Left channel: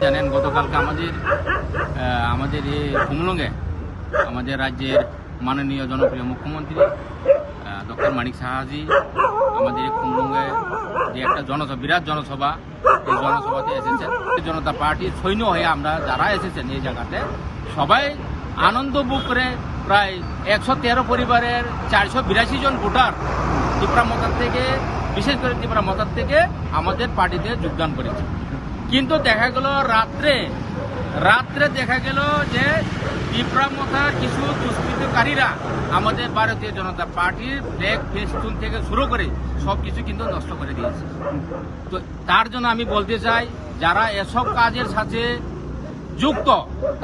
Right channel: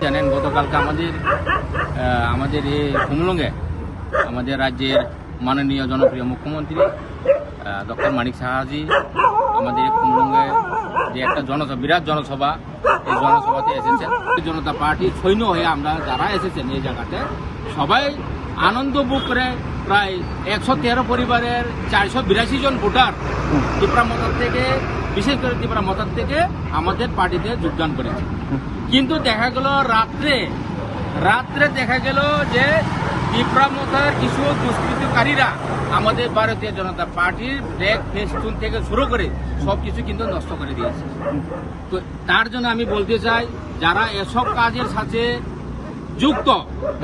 জানেন গতকালকে আমাদের এই কুমলুঙ্গে আমাদের রাজ্যের মাননীয় জনপ্রিয় মুখ্যমন্ত্রী ডক্টর মানিক সাহাজি আমাদের কুমলুঙ্গে যে একটা বিরাট জনসভা, এই জনসভাতে এসেছেন। জনতা পার্টির সৈন্য হয়ে আমরা যারা এসেছেন এই জায়গাতে সবাই আনন্দ বুক করে প্রায় 113 পরিবারের 482 জন ভোটার ত্রিপুরা মতার থেকে, বিশেষ করে ত্রিপুরা মতার থেকে আমাদের পার্টিতে যোগদান করেছে। কিন্তু দেখা গেল রাত্রে দেখা গেল যে ত্রিপুরা মতার কিছু দুষ্কৃতকারীরা আমাদের ভারতীয় জনতা পার্টির ফ্ল্যাগ ফেস্টুন থেকে শুরু করে সবকিছু কিন্তু নষ্ট করে দিয়েছে। তো তার জন্য আমি বলতে চাই, যারা এসব কাজের সাথে যুক্ত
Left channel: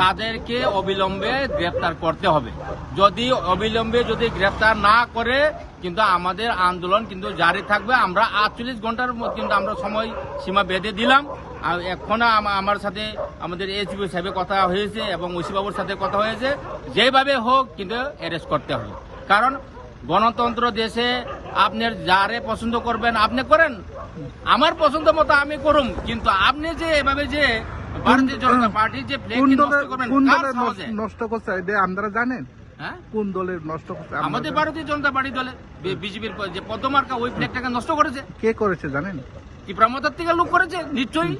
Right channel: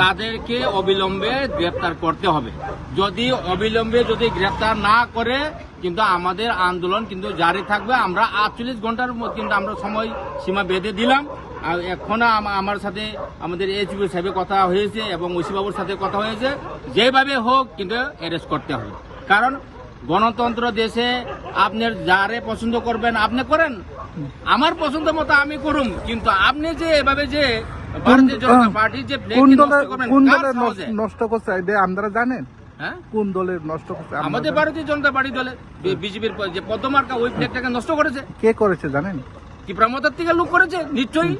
তাদেরকে অবিলম্বে গ্রেপ্তার করতে হবে। অবিলম্বে গ্রেপ্তার না করে কিন্তু আমাদের আন্দোলন কিন্তু জারি থাকবে। আমরা 48 ঘন্টার কিন্তু আমরা সময় সীমা বেঁধে দিলাম। আর এখন আমার সাথে আমাদের এসপি সাহেবের কথা হয়েছে এবং ওসিবাবুর সাথে কথা হয়েছে, যেভাবে হোক কিন্তু অ্যারেস্ট করতে হবে। কারণ গণতন্ত্র দেশে আপনি যারে পছন্দ করবেন আপনি করেন, আমার পছন্দ মতো আমি করুন, কিন্তু আপনি যে এভাবে যে ভারতীয় জনতা পার্টির যে নষ্ট করছে আপনারা জানেন? হ্যাঁ, কোন দলের নষ্ট করছে? আমাদের ভারতীয় জনতা পার্টি দলে বিজেপির যে পদ্মমার্কা ওই ফ্ল্যাগটাকে নষ্ট করেছে। কে করেছে জানেন? ত্রিপুরা মতার থেকে লোক করেছে নিশ্চয়ই।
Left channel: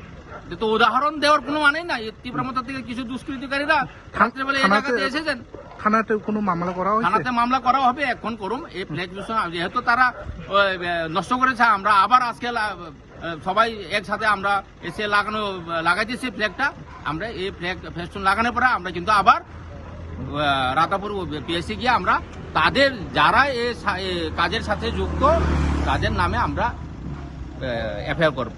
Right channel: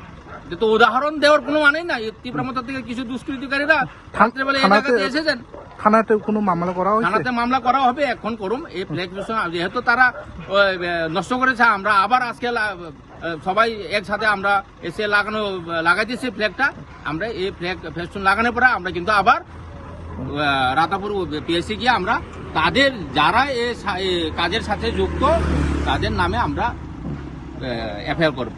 তো উদাহরণ দেওয়ার কোনো মানেই না। ত্রিপুরা মতার থেকে কিছু দুষ্কৃতিকারীরা রাত্রেবেলা এলাকাতে এসেছেন। থানাতে কোনো মামলা করা হয়েছে? থানাতে মামলা করা হবে, এখন করুন। এই ফ্ল্যাগ যেহেতু তারা নষ্ট করেছে, আমরা আবার আজকে সবাই একসাথে আমরা এসে লাগাইতেছি ফ্ল্যাগটা। আমরা এই ফ্ল্যাগ ফেস্টুন লাগানোর পরে আমরা কিন্তু আবার রাতাপুর পিএসসি গিয়ে আমরা তাদের যারা এই কাজের সাথে যুক্ত তাদের নামে আমরা এফআইআর করব।